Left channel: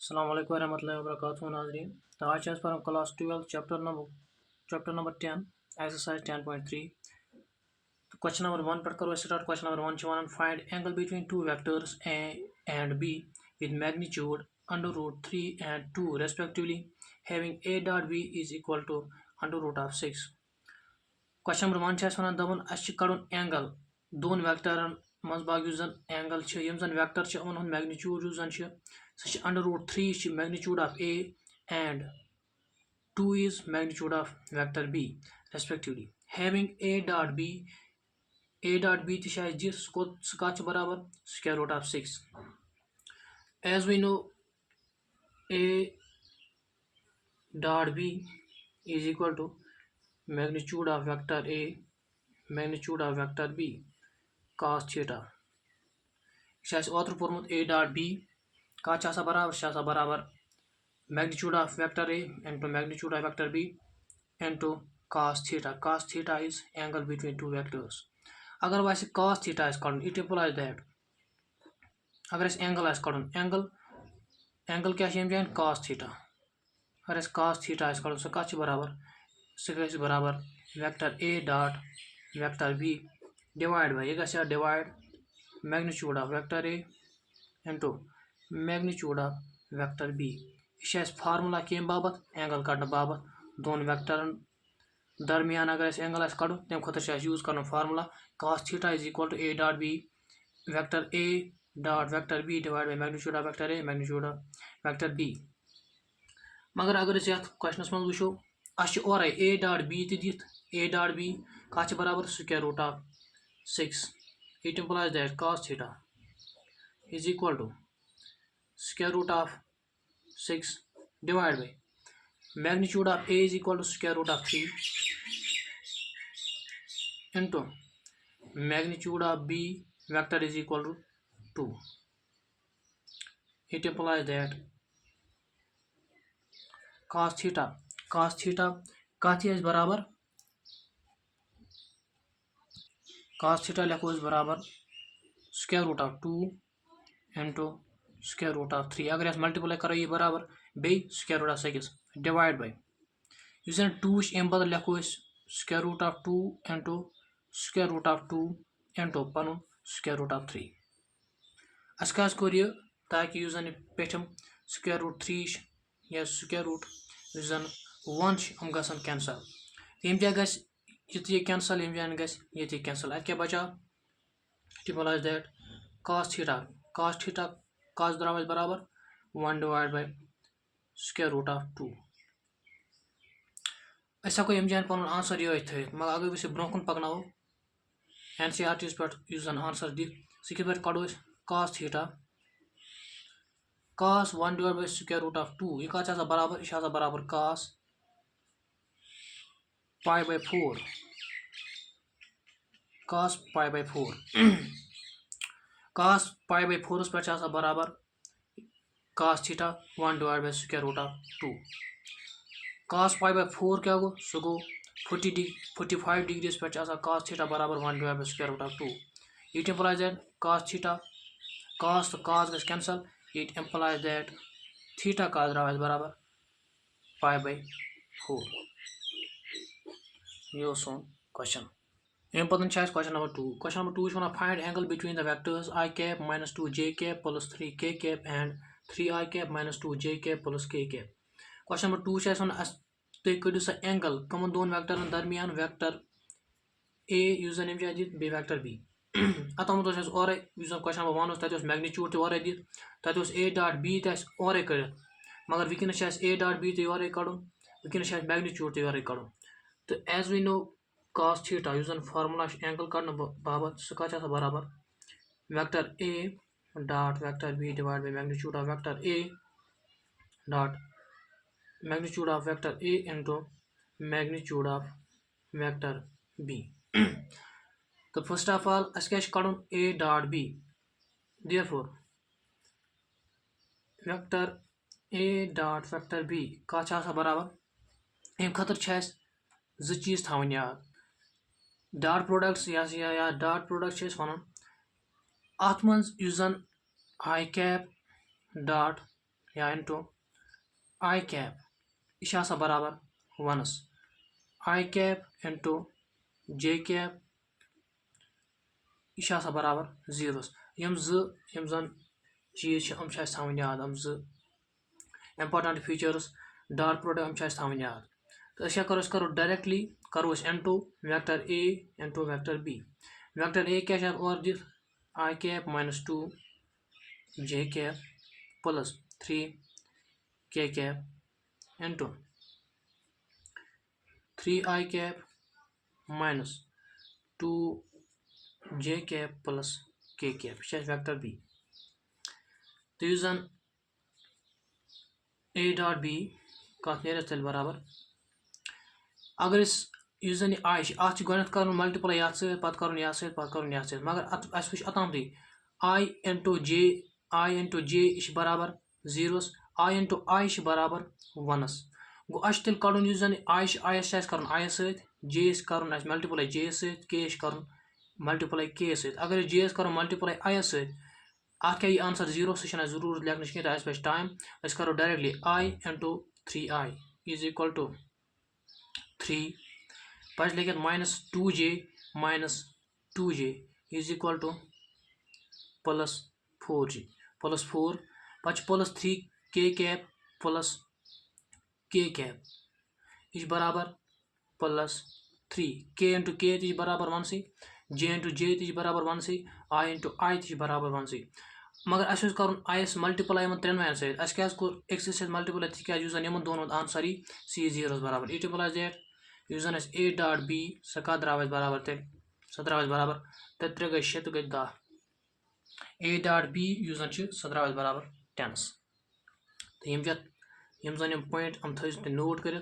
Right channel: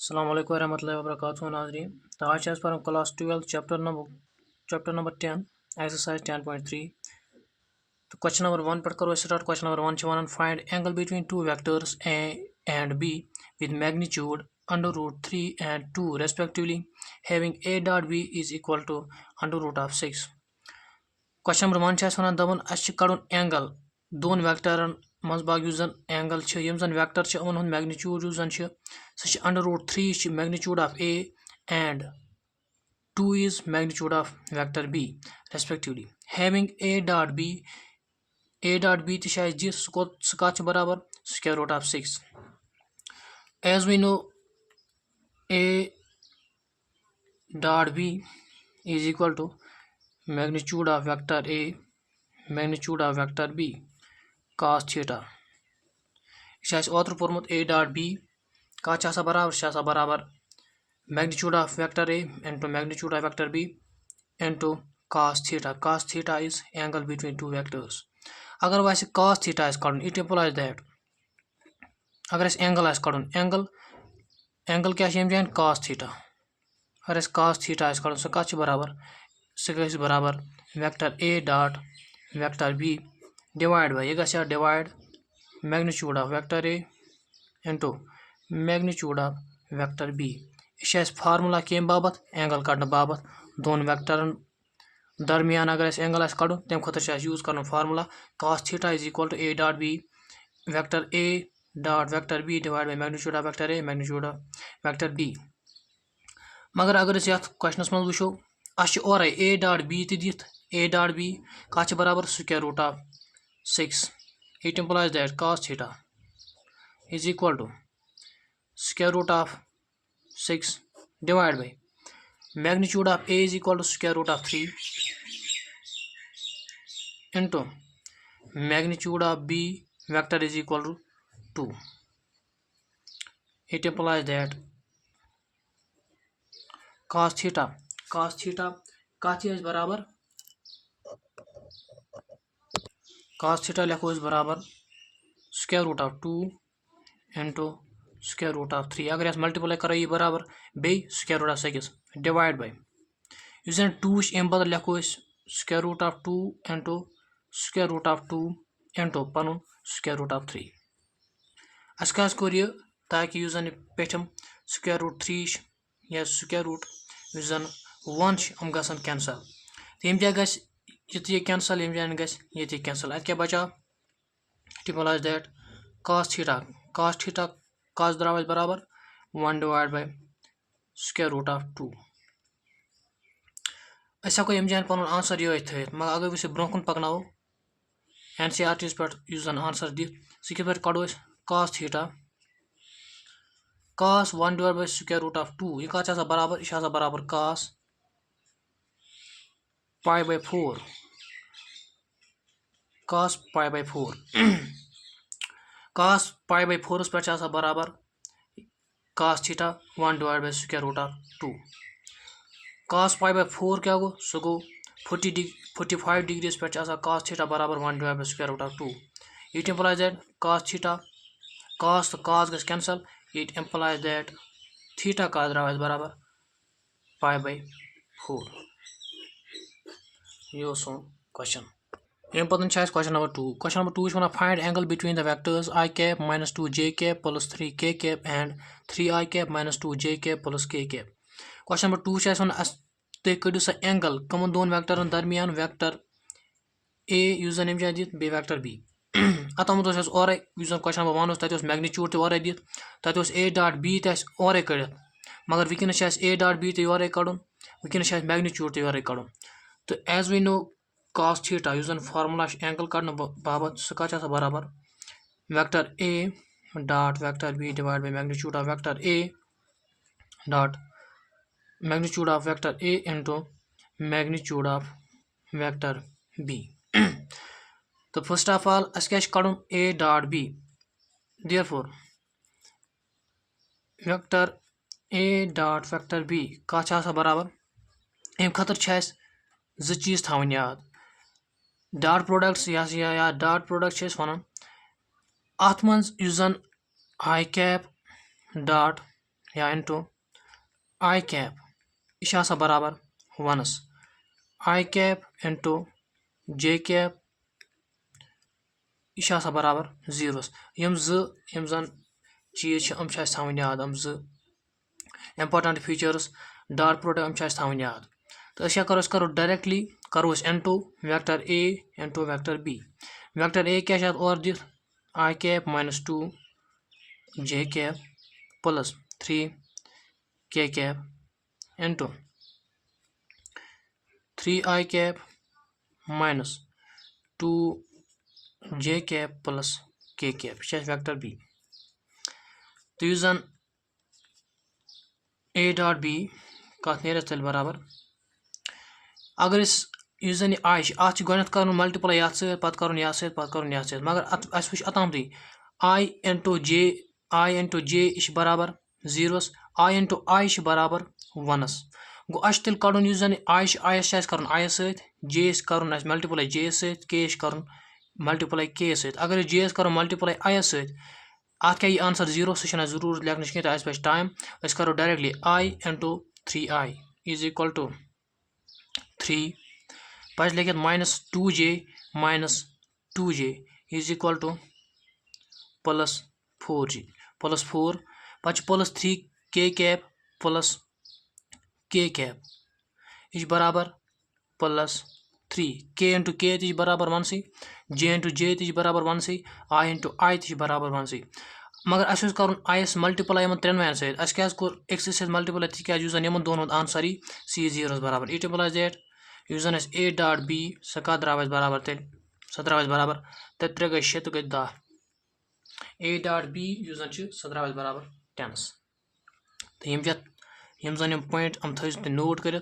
अस्सलाम वालेकुम रहमतुल्लाहि व बरकातुहू नाज़रीन। तो आज पर क्लास 12 चैप्टर नंबर 10 एक्सरसाइज 10.3। तो क्वेश्चन नंबर 1 पर करो start. Question number 1 one find angle between two vectors A and be with magnitude √3 and 2 respectively having a dot b is equal to √6। Question number 1 वन दपन अस कड़न angle दोन वेक्टरन मज बाग एंगल यम वेक्टर उन मैग्नीट्यूड सह √3 magnitude of A and 2 is magnitude of vector b respectively having a dot b तह दिस सह कत बराबर square root of 6। as we know a dot b is equal to magnitude of vector a magnitude of vector b cos theta। यह ओतर पोर्मुत a dot b कत बराबर magnitude of vector a into magnitude of vector b into cos theta। cos theta is angle between two vectors। अगर वह cos theta कड़न it implies that अगर angle कड़न angle क्या जान cos theta। अगर cos theta कड़न सह कत बराबर सह बराबर vector a dot vector b divide by यह divide magnitude of vector a into magnitude of vector b। यह फार्मूला कम बाबत एंगल कड़ने बाबत दोन वेक्टरन दरमियान अगर एंगल कड़न तम खुद यूज कर formula cos theta is equal to a dot b vector a dot vector b divide by magnitude of vector a magnitude of vector b। मगर अगर ये क्वेश्चन मज वो और a dot b दिख a dot b कत बराबर square root of 6। It implies that cos theta is equal to square root of 6 divided by magnitude of a is equal to square root of 3 into magnitude of b vector is equal to 2। it implies that cos theta कत बराबर cos theta लिखो बराबर square root of 2 into square root of 3। अगर multiply करो ये बराबर बे square root of 6 divide by इस 2 अम बदल लिखो square root of 2 into square root of 2 into पन square root of 3। Us core यह ताकि पेठम square root 3 या square root 1 हम गसन कैंसल तम जगह ये कैंसल यम जान ये कैंसल अत क्या बचा it implies that cos theta cos द्राव बराबर 1 divided by square root of 2। अस हेको यम जान पन आंसर ये थ मगर अगर वो ब्रोह कुन पकनो NCERT पे आंसर दी सह कित कड़ो cos theta cos 1 divided by square root of 2 यह कत बराबर यह बराबर cos pi by 4 cos pi by 4 cos pi by 4 पे बराबर cos theta 1 divided by square root of 2। cos pi by 4 क्या गो सह गो 45 डिग्रीज पे cos theta बराबर 1 divided by square root of 2। it implies that cos theta cos तो cos गस cancel it implies that theta का द्राव बराबर pi by 4। ये सोन question अम पतन question number 2। Question number 2 one find angle between the vectors I cap minus 2 j cap plus 3 k cap and 3 I cap minus 2 j cap plus k cap। Question number 2 one तुम कड़ो सा angle कमन दोन वेक्टरन दरमियान vector a use जन यम दित बे vector b अतमत और question number 1 तथ magnitude तौर दित तथ a dot b और कड़ित मगर वनस a dot b तौर कड़न वनस मैग्नीट्यूड तौर कड़न। तो as we know cos theta युस फार्मूला एंगल कड़ने बाबत सह कत बराबर vector a dot vector b divide by magnitude of vector a dot magnitude of vector a into magnitude of vector b। तो फर्स्ट ऑफ ऑल अस क्या कड़न a dot b therefore vector a dot vector b कत बराबर अम खतर जो चीज थवन याद डॉट प्रोडक्ट्स या डॉट प्रोडक्ट वन अत मन I cap dot या इंटू आई कैप यह बराबर 1 आई कैप इंटू जे कैप यह बराबर 0 यम जन चीज हम थवन याद हम इंपॉर्टेंट फीचर्स डॉट प्रोडक्ट हम थवन याद तो करो डायरेक्टली करो into vector A into vector B vector A क्या और दिख I cap -2 J cap plus 3 K cap into 3 I cap -2 J cap plus K cap यह वेक्टर बी तो जन ए डॉट बी कत तेल बराबर अगर जन आई अत गो मल्टीप्लाई ये सत मगर अस वो अतमती आई इंटू जे यह बराबर 0 आई इंटू आई बराबर 1 गो अस तेल कड़न जन आई आयस कर आई सत जे कर मल्टीप्लाई जे सत के कर मल्टीप्लाई के सत अगर जे करो मल्टीप्लाई आई सत अत क्या आंसर 0 सह जरूरत लेखन कहीं तो बच टाइम करो directly I into 3 I is equal to 3 पे लिखित -2j is equal to +4j +4 पे +3 K cap plus K cap यह बराबर +3 के इंटू के बराबर 1 जे इंटू जे बराबर 1 आई इंटू आई बराबर 1 मगर अस कर आयस मल्टीप्लाई इन त्रेन वैन सत क्या अक्स मल्टीप्लाई तिज इन दोन आंसर सी 0 बराबर इट इम्प्लाइज दैट जन ए डॉट बी सह कत द्राव बराबर तेल सह द्राव बराबर 3 गई 6 गई 10 ए डॉट बी सह द्राव बराबर 10 तो यम जन पॉइंट हम थो नोट कर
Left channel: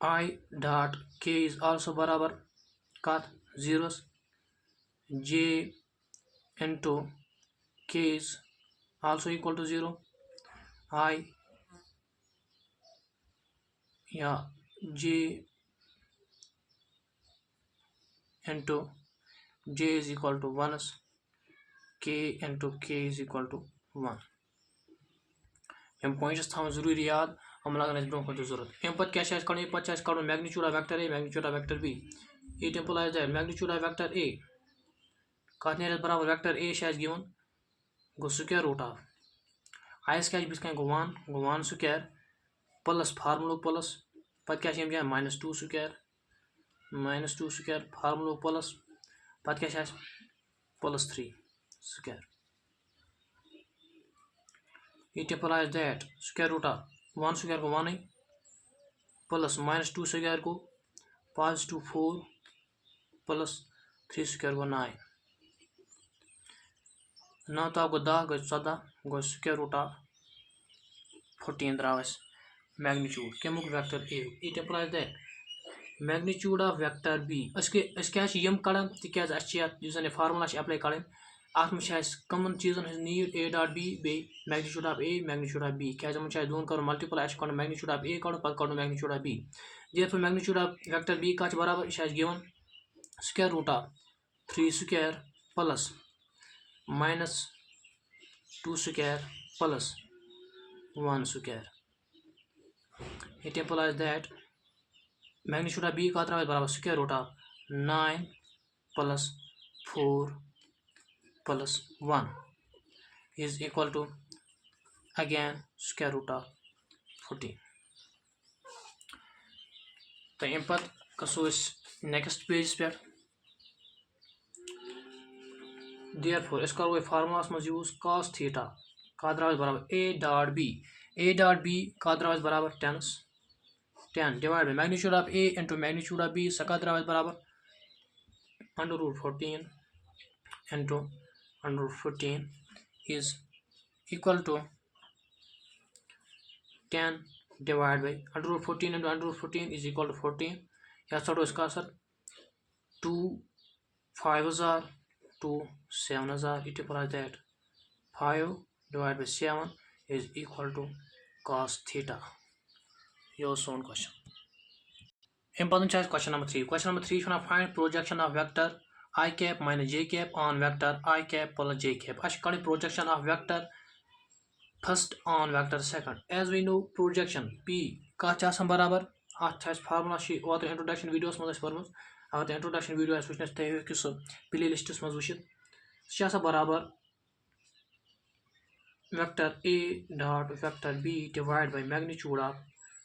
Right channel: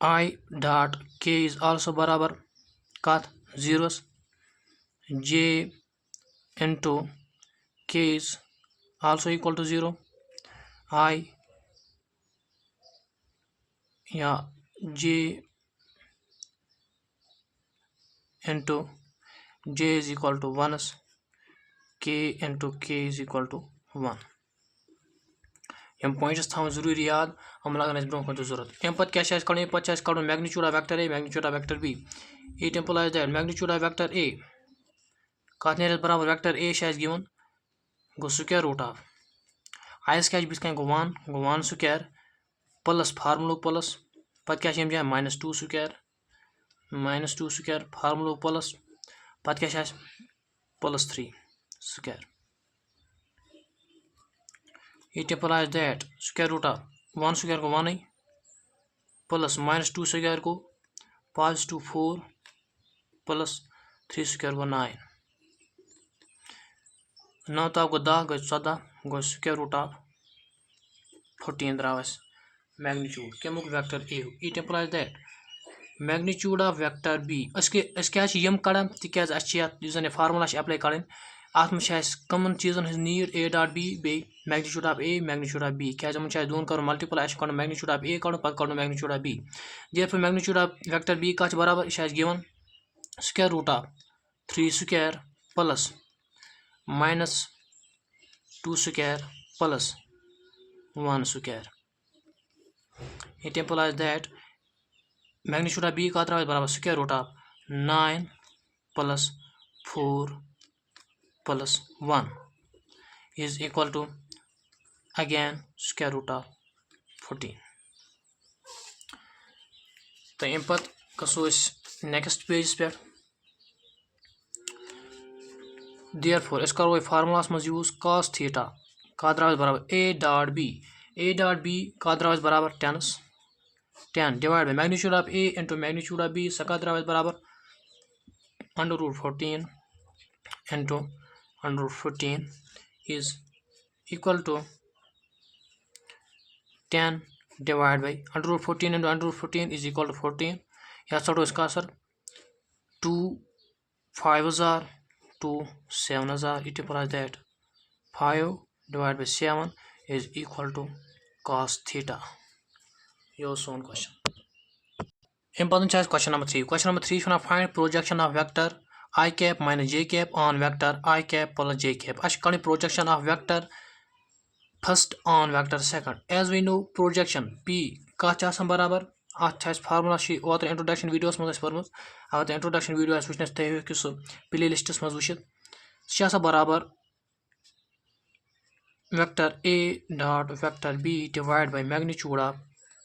I dot K is also बराबर कत 0 J into K is also equal to 0 I या J into J is equal to 1 K into K is equal to 1 यम पॉइंट्स थवन जरूरी याद हम लगन ब्रो कुछ जरूरत अम पे क्या कड़न magnitude of vector A magnitude of vector B it implies that magnitude of vector A कत ने बराबर वेक्टर ए गिवन गो स्क्वायर रूट ऑफ आयस क्या बिथ गो 1 स्क्वायर प्लस फार्मूल प्लस पे क्या जाए -2 स्क्वायर फार्मूल प्लस पे क्या +3 square it implies that square root of 1 square को 1 प्लस -2 स्क्वायर को +4 प्लस 3 स्क्वायर को 9 9 तो गो 10 गो 14 गो स्क्वायर रूट ऑफ 14 द्राव मैग्नीट्यूड कमुक vector A it implies that magnitude of vector B क्या यम कड़न तन फार्मूला अप्लाई कड़न अत मे कमन चीजन नीड ए डॉट बी बे magnitude of A magnitude of B क्या दोन कर मल्टीप्लाई कड़न मैग्नीट्यूड ऑफ ए कड़न पे कड़न magnitude of B there magnitude of vector B कत बराबर यह given square root of 3 square plus -2 square plus 1 square it implies that magnitude of B का बराबर square root of 9 plus 4 plus 1 is equal to again square root of 14 तो अम पे कसो next page पे देयरफॉर करो फार्मूला मज use cos theta का बराबर ए डॉट बी का बराबर 10 divide by magnitude of A into magnitude of B सह का बराबर √14 into √14 is equal to 10 divide by √14 into √14 is equal to 14 या चढ़ो इसका सर 2 5,000 2 7,000 it implies that 5 divided by 7 is equal to cos theta. Your own question. Important choice question number 3. Question number 3 is going to find projection of vector I cap minus j cap on vector I cap plus j cap. As projection of vector first on vector second. As we know, projection P का बराबर formula ओतर introduction videos मज पर्मुत अगर introduction video वुचन तुम हेकु सह play लिस्टस मज वुचित सह बराबर vector A dot vector B divide by magnitude of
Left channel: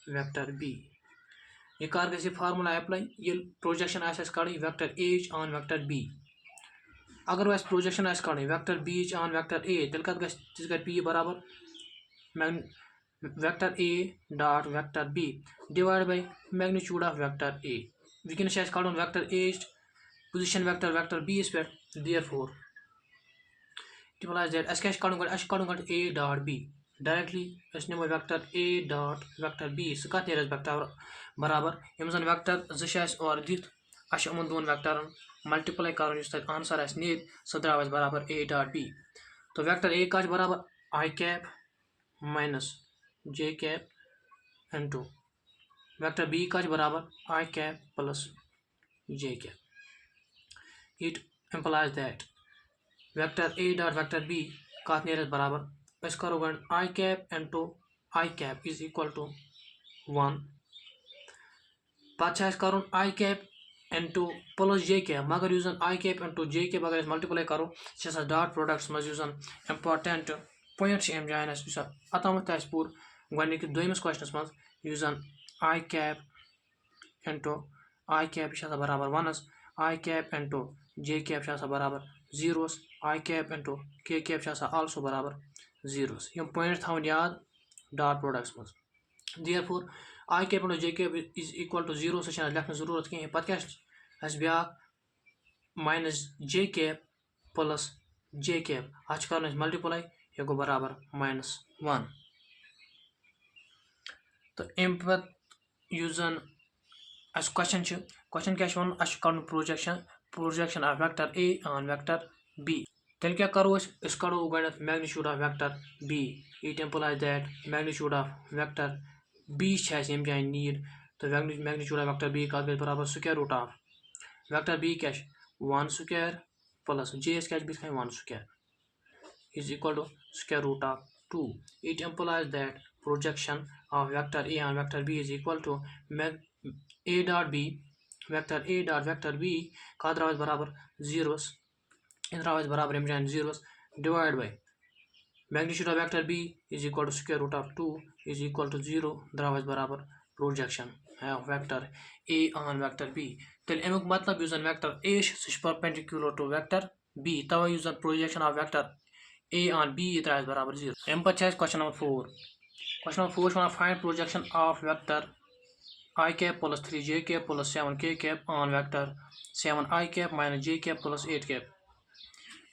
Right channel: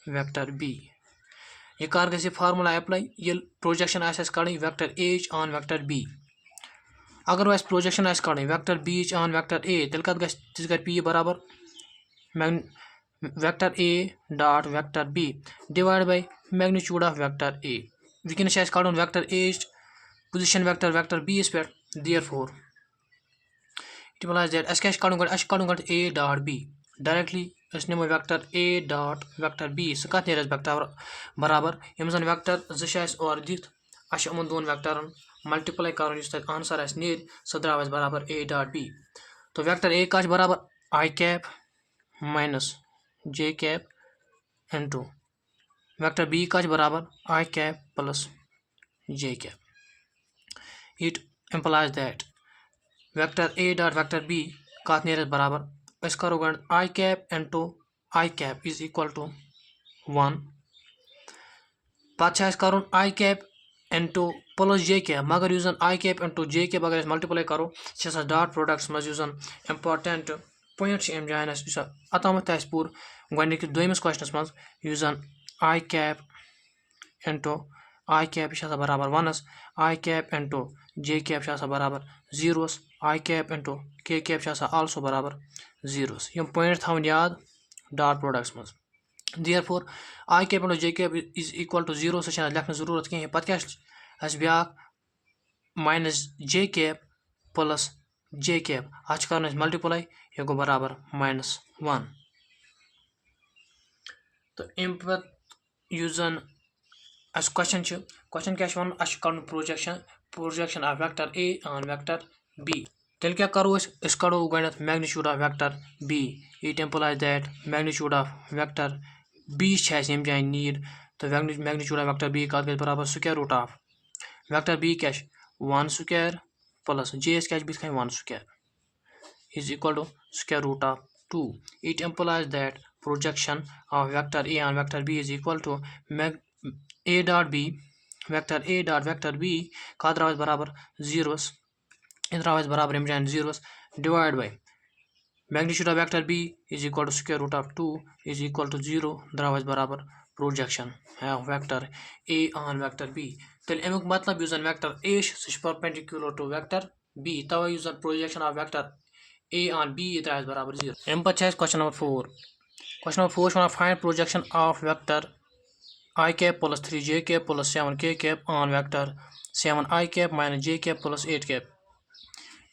vector B। यह कर गई फार्मुला अप्लाई ये प्रोजेक्शन कड़ी vector A on vector B। अगर वह प्रोजेक्शन कड़ी vector B on vector A तेल कत ग P बराबर vector A dot vector B divide by magnitude of vector A। वनस कड़न vector A position vector vector B पे देयरफॉर इट इम्प्लाइज दैट अस कड़न गो A dot B directly NaMo vector A dot vector B सह कत नेर vector बराबर यम जन वेक्टर और दिख अमन दोन वेक्टरन मल्टीप्लाई कर आंसर नेर सह द्राव बराबर A डॉट B। तो वेक्टर A का बराबर I cap minus J cap into vector B का बराबर I cap plus J cap. It implies that vector A dot vector B कत नेर बराबर करो गो I cap into I cap is equal to 1 पे कर I cap into plus J cap मगर यु I cap into J cap अगर मल्टीप्लाई करो सह डॉट प्रोडक्ट्स मज इम्पार्टेंट पॉइंट अम जान अतमत पूर गो दोमिस क्वेश्चनस मज यु I cap into I cap बराबर 1 I cap into J cap बराबर 0 I cap into K cap also बराबर 0 यम पॉइंट थवन याद डॉट प्रोडक्ट्स मज। Therefore I cap into J cap is equal to 0 सह लिखने जरूरत कहीं पे क्या ब्या minus J cap plus J cap अच कर मल्टीप्लाई यह गो बराबर -1। तो अम पे क्वेश्चन क्या वन कड़न projection of vector A on vector B। तेल क्या करो कड़ो गो magnitude of vector B। It implies that magnitude of vector B यम जाए नीड तो मैग्नीट्यूड ऑफ वेक्टर B का बराबर square root of vector B क्या 1 स्क्वायर प्लस J क्या बिथ 1 square is equal to square root of 2. It implies that projection of vector A on vector B is equal to A dot B vector A dot vector B का बराबर 0 बराबर हम जान 0 divide by magnitude of vector B is equal to square root of 2 is equal to 0 द्राव बराबर projection of vector A on vector B। तेल अमुक मतलब यु वेक्टर A सह परपेंडिकुलर टू वेक्टर B तवे यु projection of vector A on B द्राव बराबर 0। अम पे क्वेश्चन नंबर 4। क्वेश्चन नंबर 4 वन find projection of vector I cap plus 3J cap plus 7K cap on vector 7I cap minus J cap plus 8 cap.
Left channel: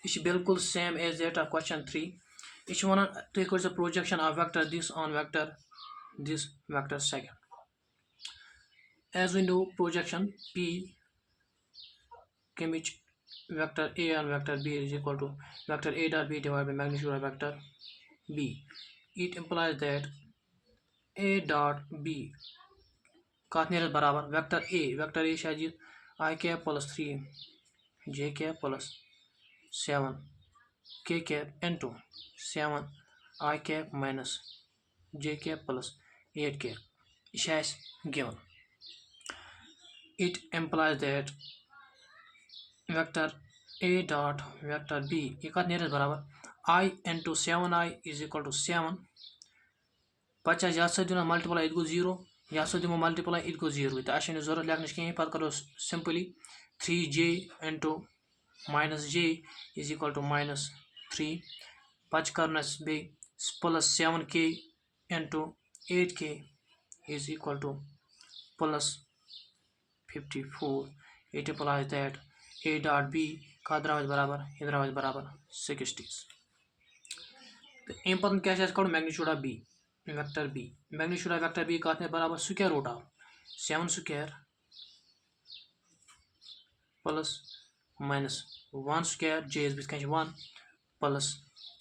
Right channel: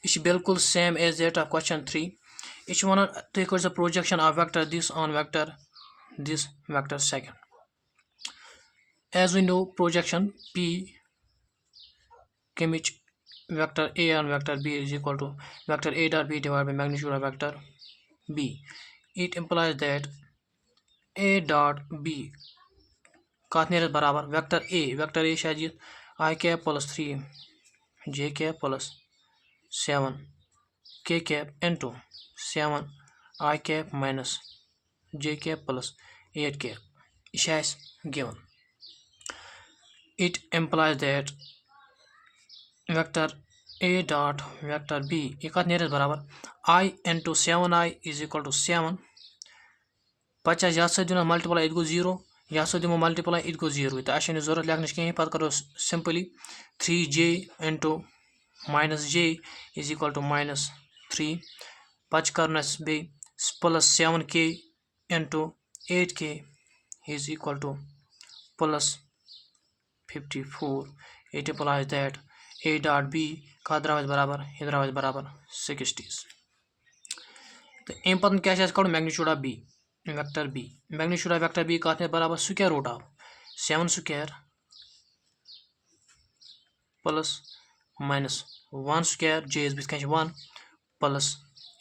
यह बिल्कुल same as that of question 3। यह one तुम कर projection of vector this on vector second. As we know projection P कमिच vector A on vector B is equal to vector A dot B divided by magnitude of vector B. It implies that A dot B कत नेर बराबर vector A शायद I cap plus 3 J cap plus 7 K cap into 7 I cap minus J cap plus 8 cap यह given. It implies that vector A dot vector B यह कत नेर बराबर I into 7I is equal to 7 पे ये दिन multiply it go 0 यह दिमो multiply it go 0 तो अस जरूरत लिखन कहीं पे करो simply 3J into minus J is equal to -3 पे कर बे plus 7K into 8K is equal to plus 54। It implies that A dot B का द्राव बराबर यह द्राव बराबर 60। तो अम पे क्या कड़ो magnitude of B vector B। Magnitude of vector B कत बराबर square root of 7 square plus minus 1 square J is बिथ 1 प्लस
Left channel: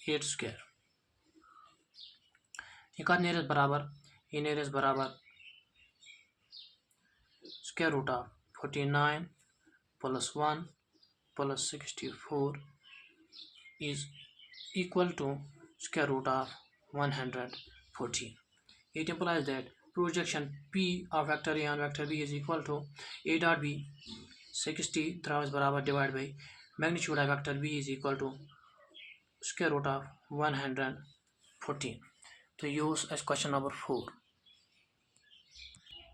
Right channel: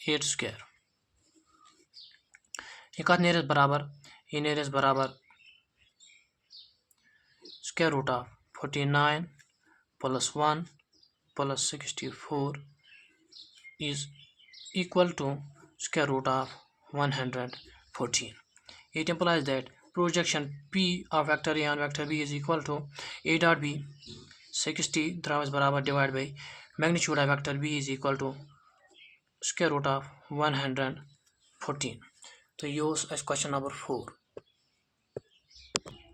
8 स्क्वायर। यह कत नेर बराबर यह नेर बराबर square root of 49 plus 1 plus 64 is equal to square root of 114. It implies that projection P of vector A on vector B is equal to A dot B 60 divided by magnitude of vector B is equal to square root of 114. So use as question number 4.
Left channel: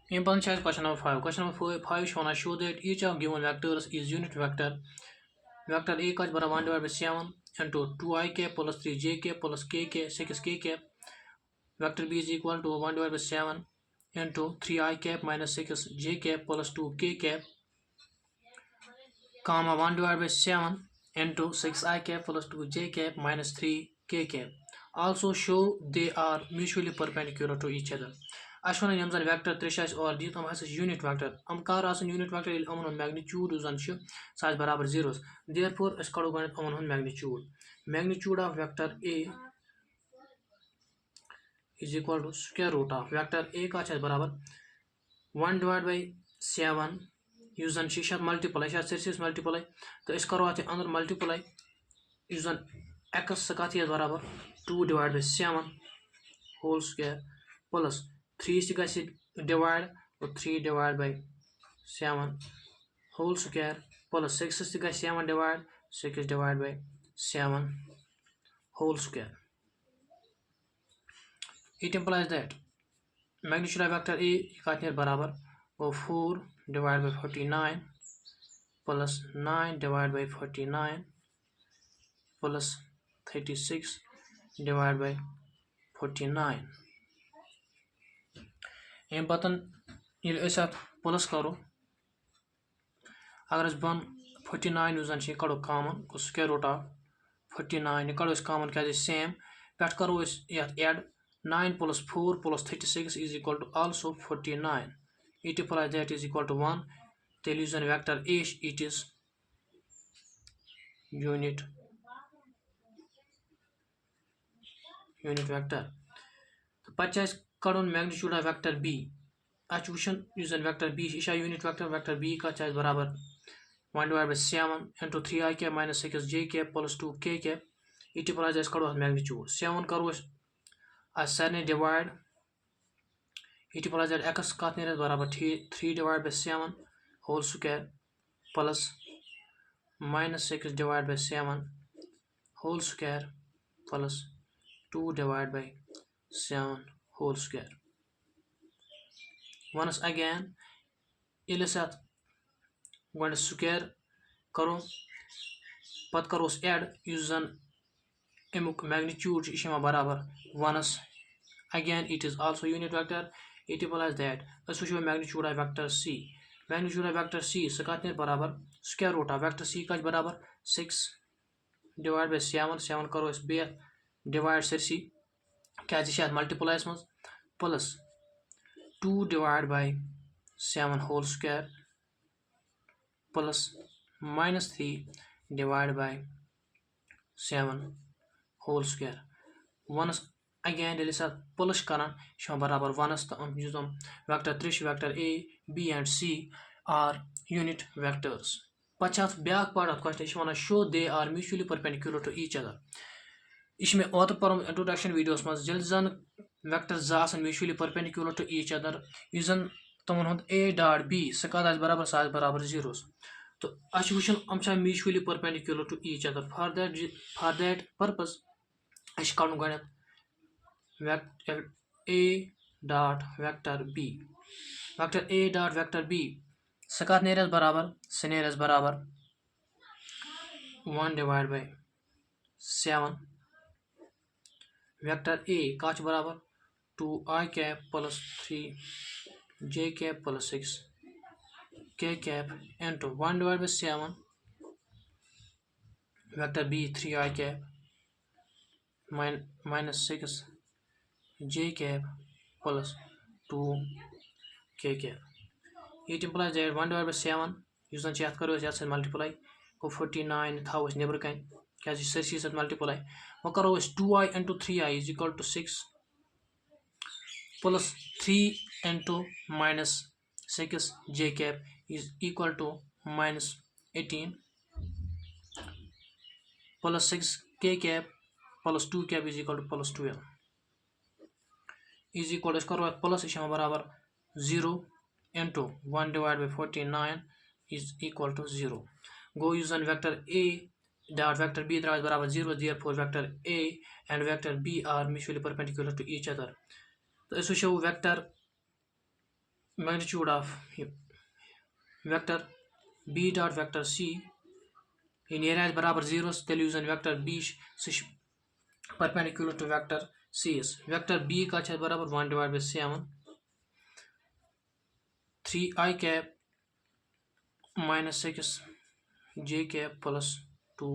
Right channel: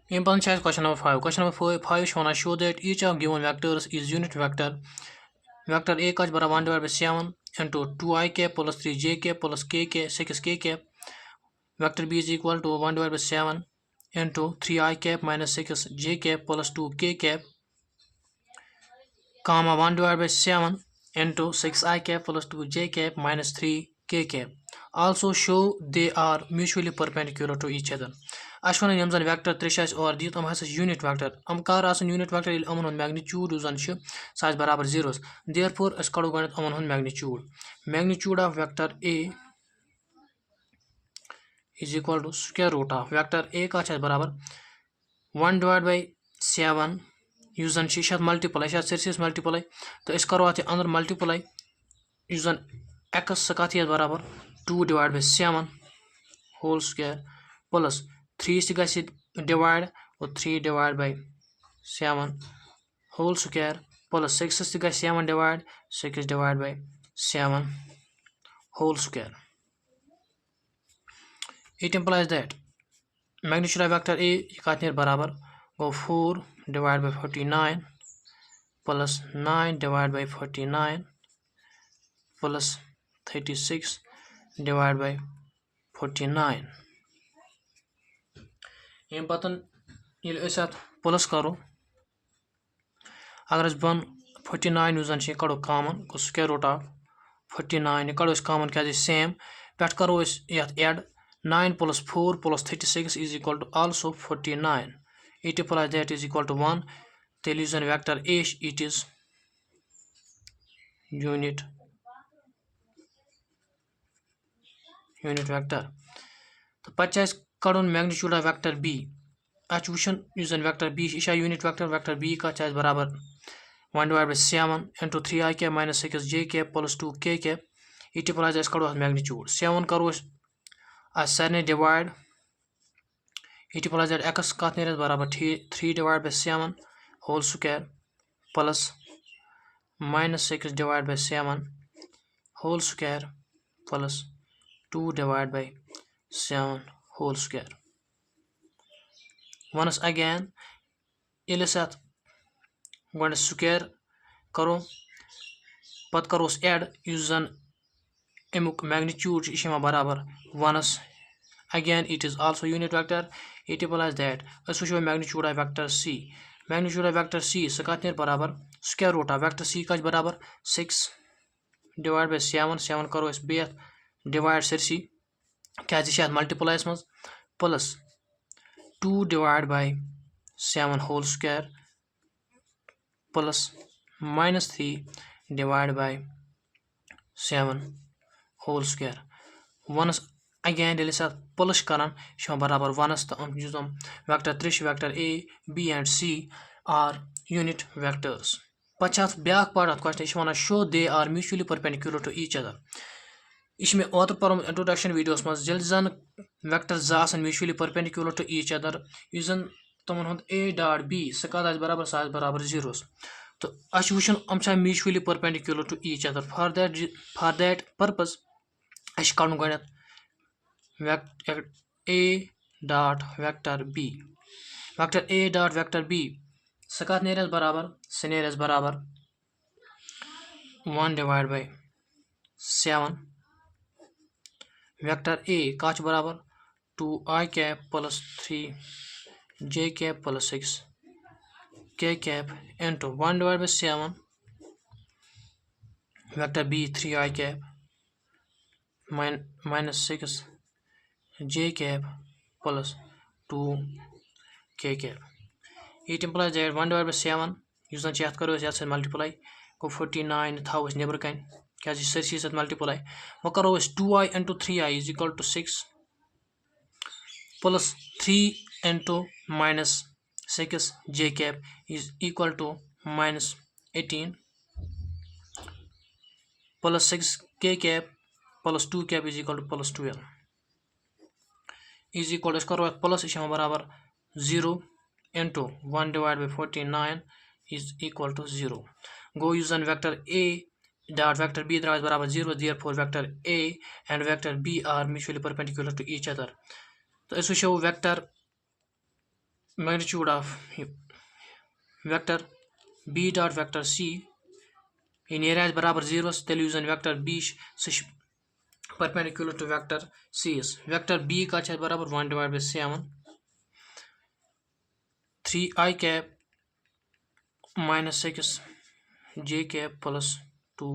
Important choice question number 5. Question number 5 show that each of given vectors is unit vector. Vector A का 1 divided by 7 into 2i cap plus 3j cap plus k cap 6k cap. Vector B is equal to 1 divided by 7 into 3i cap minus 6j cap plus 2k cap, comma 1 divided by 7 into 6i cap plus 2j cap minus 3k cap. Also show they are mutually perpendicular to each other. Ashwan and Yamzan vector 3 or the has unit vector. Amkar as a unit vector il amon magnitude usan size barabar zeros. Therefore, as kadu ganat amon magnitude. Magnitude of vector A is equal to square root of vector A का size barabar 1 divided by 7 usan shishat multiply shat series multiply. तो इस करो आते अंदर multiply usan x सकाती बराबर 2 divided by 7 whole square plus 3 से गैसे divide और 3 divided by 7 whole square plus 6 से गैसे 7 divide 6 divided by 7 whole square. It implies that magnitude of vector A कितने बराबर go 4 divided by 49 plus 9 divided by 49 plus 36 divided by 49. ये बतन ये साथ प्लस करो अगर बन 49 यूजन कड़ो कॉमन को स्क्वायर रूट ऑफ 49 कड़ो कॉमन क्या सेम पे करो add 9 plus 4 plus 36 is equal to also 49. It implies that is equal to 1. The illusion vector A it is unit vector. तो पचास कड़न मैग्नीट्यूड ऑफ वेक्टर B अच वुशन यूजन vector B इशा unit vector B का चाहे बराबर 1 divided by 7 into 3i cap minus 6j cap plus 2k cap. It implies as कड़ो magnitude 7 करो as सारे divide. It implies that x का बराबर 3 divided by 7 whole square plus minus 6 divided by 7 whole square plus 2 divided by 7 whole square. Once again ये साथ one square करो पत करो एड यूजन अमुक मैग्नीट्यूड बराबर 1 again it is also unit vector. It implies that as we magnitude of vector C. Magnitude of vector C सकातने बराबर square root of vector C का बराबर 6 divided by 7 करो इस बेत divide सरसी क्या जिसे multiply इसमें plus 2 divided by 7 whole square plus minus 3 divided by 7 whole square. Once again डेली साथ प्लस करान बराबर 1 तो वेक्टर 3 वेक्टर A, B and C are unit vectors. पचास ब्याक पार्ट ऑफ क्वेश्चन वन show they are mutually perpendicular to each other. इसमें ओतर पर इंट्रोडक्शन वीडियोस मज जल जन वेक्टर जासन mutually perpendicular to each other यूजन तमन हुंद A dot B सकात बराबर zeros. तो अश वुशन अम mutually perpendicular to each other. For that purpose अश कड़न गणत vector A dot vector B. Vector A dot vector B सकात नेरस बराबर 1 divided by 7. Vector A काच बराबर 2i cap plus 3j cap plus 6k cap into 1 divided by 7. Vector B 3i cap minus 6j cap plus 2k cap. It implies that 1 divided by 7 यूजन याद करो याद multiply को 49 था neighbour कन क्या Cersei सत मल्टीप्लाई वो करो 2i into 3i is equal to 6 plus 3 into minus 6j cap is equal to minus 18 plus 6k cap plus 2 cap is equal to plus 12. Is equal to करो plus बराबर 0 into 1 divided by 49 is equal to 0. Go use on vector A dot vector B is barabar 0, therefore vector A and vector B are mutually perpendicular to each other. So this will show vector magnitude of vector B dot vector C in area is barabar 0, then use on vector B perpendicular to vector C is vector B का है बराबर 1 divided by 7 3i cap minus 6 j cap plus 2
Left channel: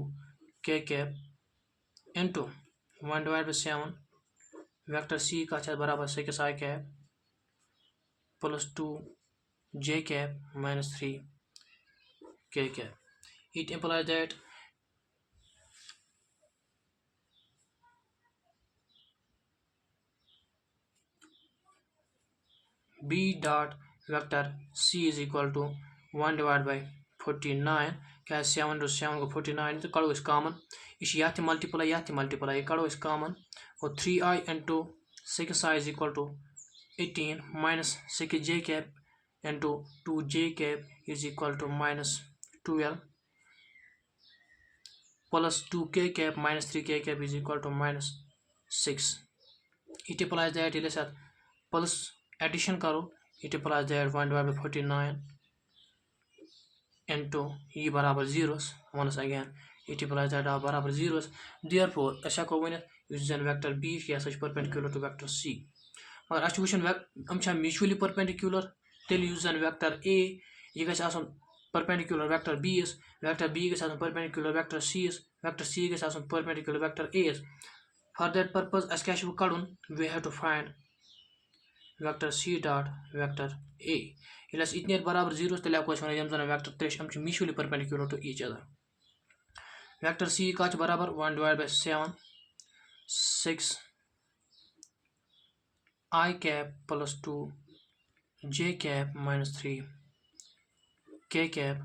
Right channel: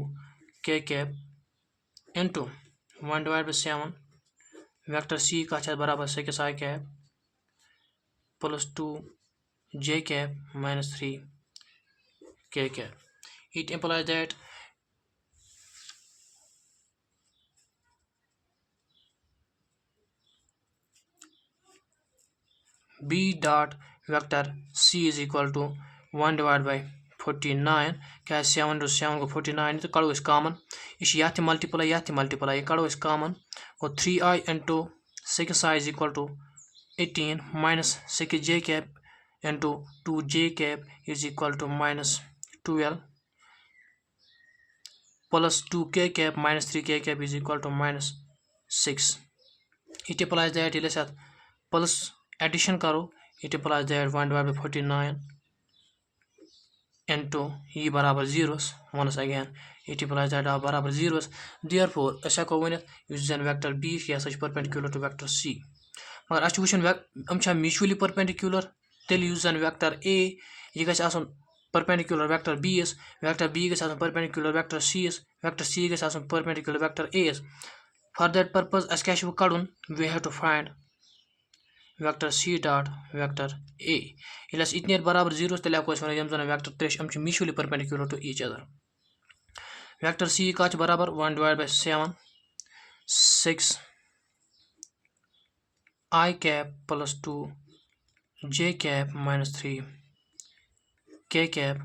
k cap into 1 divided by 7 vector C का है बराबर 6i cap plus 2 j cap minus 3 k cap. It implies that B dot vector C is equal to 1 divided by 49 क्या 7 to 7 को 49 तो करो इस common इस यहाँ मल्टीप्लाई करो इस कॉमन और 3i into 6i is equal to 18 minus 6j cap into 2j cap is equal to minus 12 plus 2k cap minus 3k cap is equal to minus 6. It implies that let's say plus addition करो it implies that 1 divided by 49 into e बराबर zeros once again it implies that बराबर zeros therefore ऐसा को one using vector B यह सच perpendicular to vector C मगर अच्छी वुचन mutually perpendicular तेल using vector A यह गछ आसन perpendicular vector B is vector B गछ आसन perpendicular vector C is vector C गछ आसन perpendicular vector A is for that purpose as क्या कड़न we have to find vector C dot vector A. Ilas itne barabar 0 tele ko iswana yam zana vector tresh am mutually perpendicular to each other. Vector C ka barabar 1 divided by 7 6 I cap plus 2 j cap minus 3 k cap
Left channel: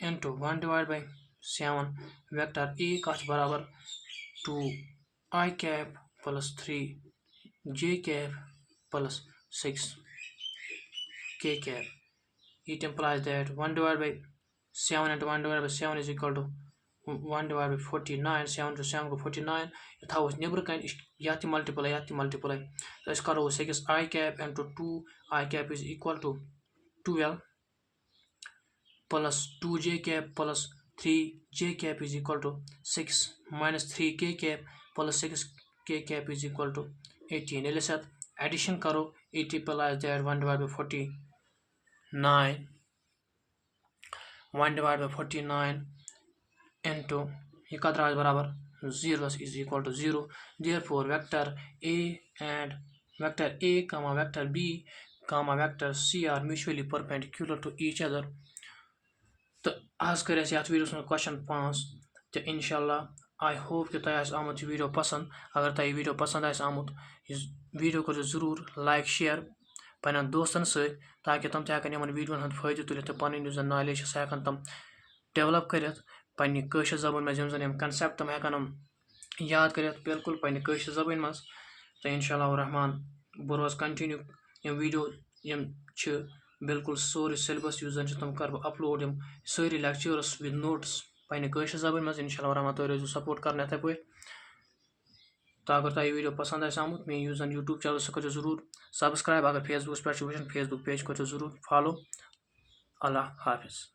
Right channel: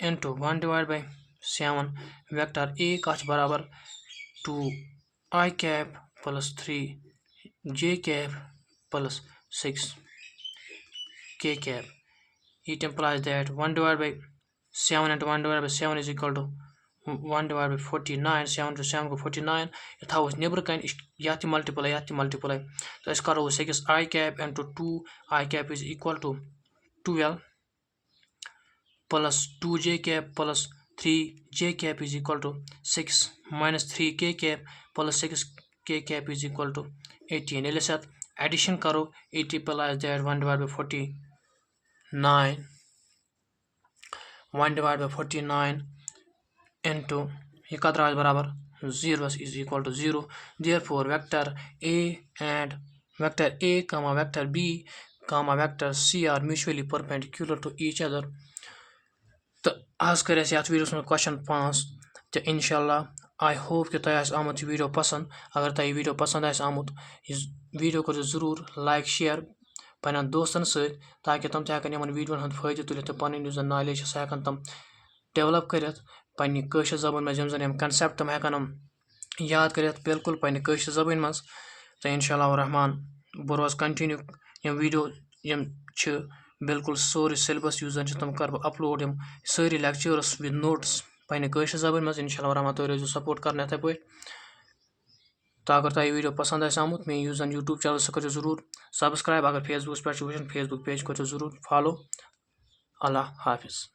into 1 divided by 7 vector A ka barabar 2 I cap plus 3 j cap plus 6 k cap. It implies that 1 divided by 7 into 1 divided by 7 is equal to 1 divided by 49 7 to 7 को 49 यथा उस neighbour Kine याति multiply तो इस करो 6 I cap into 2 I cap is equal to 12 plus 2 j cap plus 3 j cap is equal to 6 minus 3 k cap plus 6 k cap is equal to 18. इले साथ addition करो it implies that 1 divided by 49 1 divided by 49 into ये कतरा बराबर 0 is equal to 0 therefore vector A and vector A comma vector B comma vector C are mutually perpendicular to each other. तो आज कर videos में question 5 तो इंशाल्लाह I hope कि तुम आमुत वीडियो पसंद अगर तुम वीडियो पसंद आमुत इस वीडियो को जरूर लाइक शेयर पन दोस्तन सत ताकि तुम तक वीडियो हंद फायदे तुल तो पन नॉलेज सह तुम डेवलप कर पन्ने कशर जबान मज यम कंसेप्ट तुम हेकन याद कर बिल्कुल पन्ने कशर जबान मज तो इंशाल्लाह रहमान बह रोज कंटिन्यू यम वीडियो यम बिल्कुल सोरे सिलेबस यूज तुम कर अपलोड यम सारी लेक्चर्स विद नोट्स पन्ने कशर जबान मज इंशाल्लाह रहमान तुम रोजो सपोर्ट कर इथे पे तो अगर तुम वीडियो पसंद आमुत मे यूज यूट्यूब चैनल सह कर जरूर सब्सक्राइब अगर फेसबुक पे फेसबुक पेज कर जरूर फॉलो अल्लाह हाफिज़.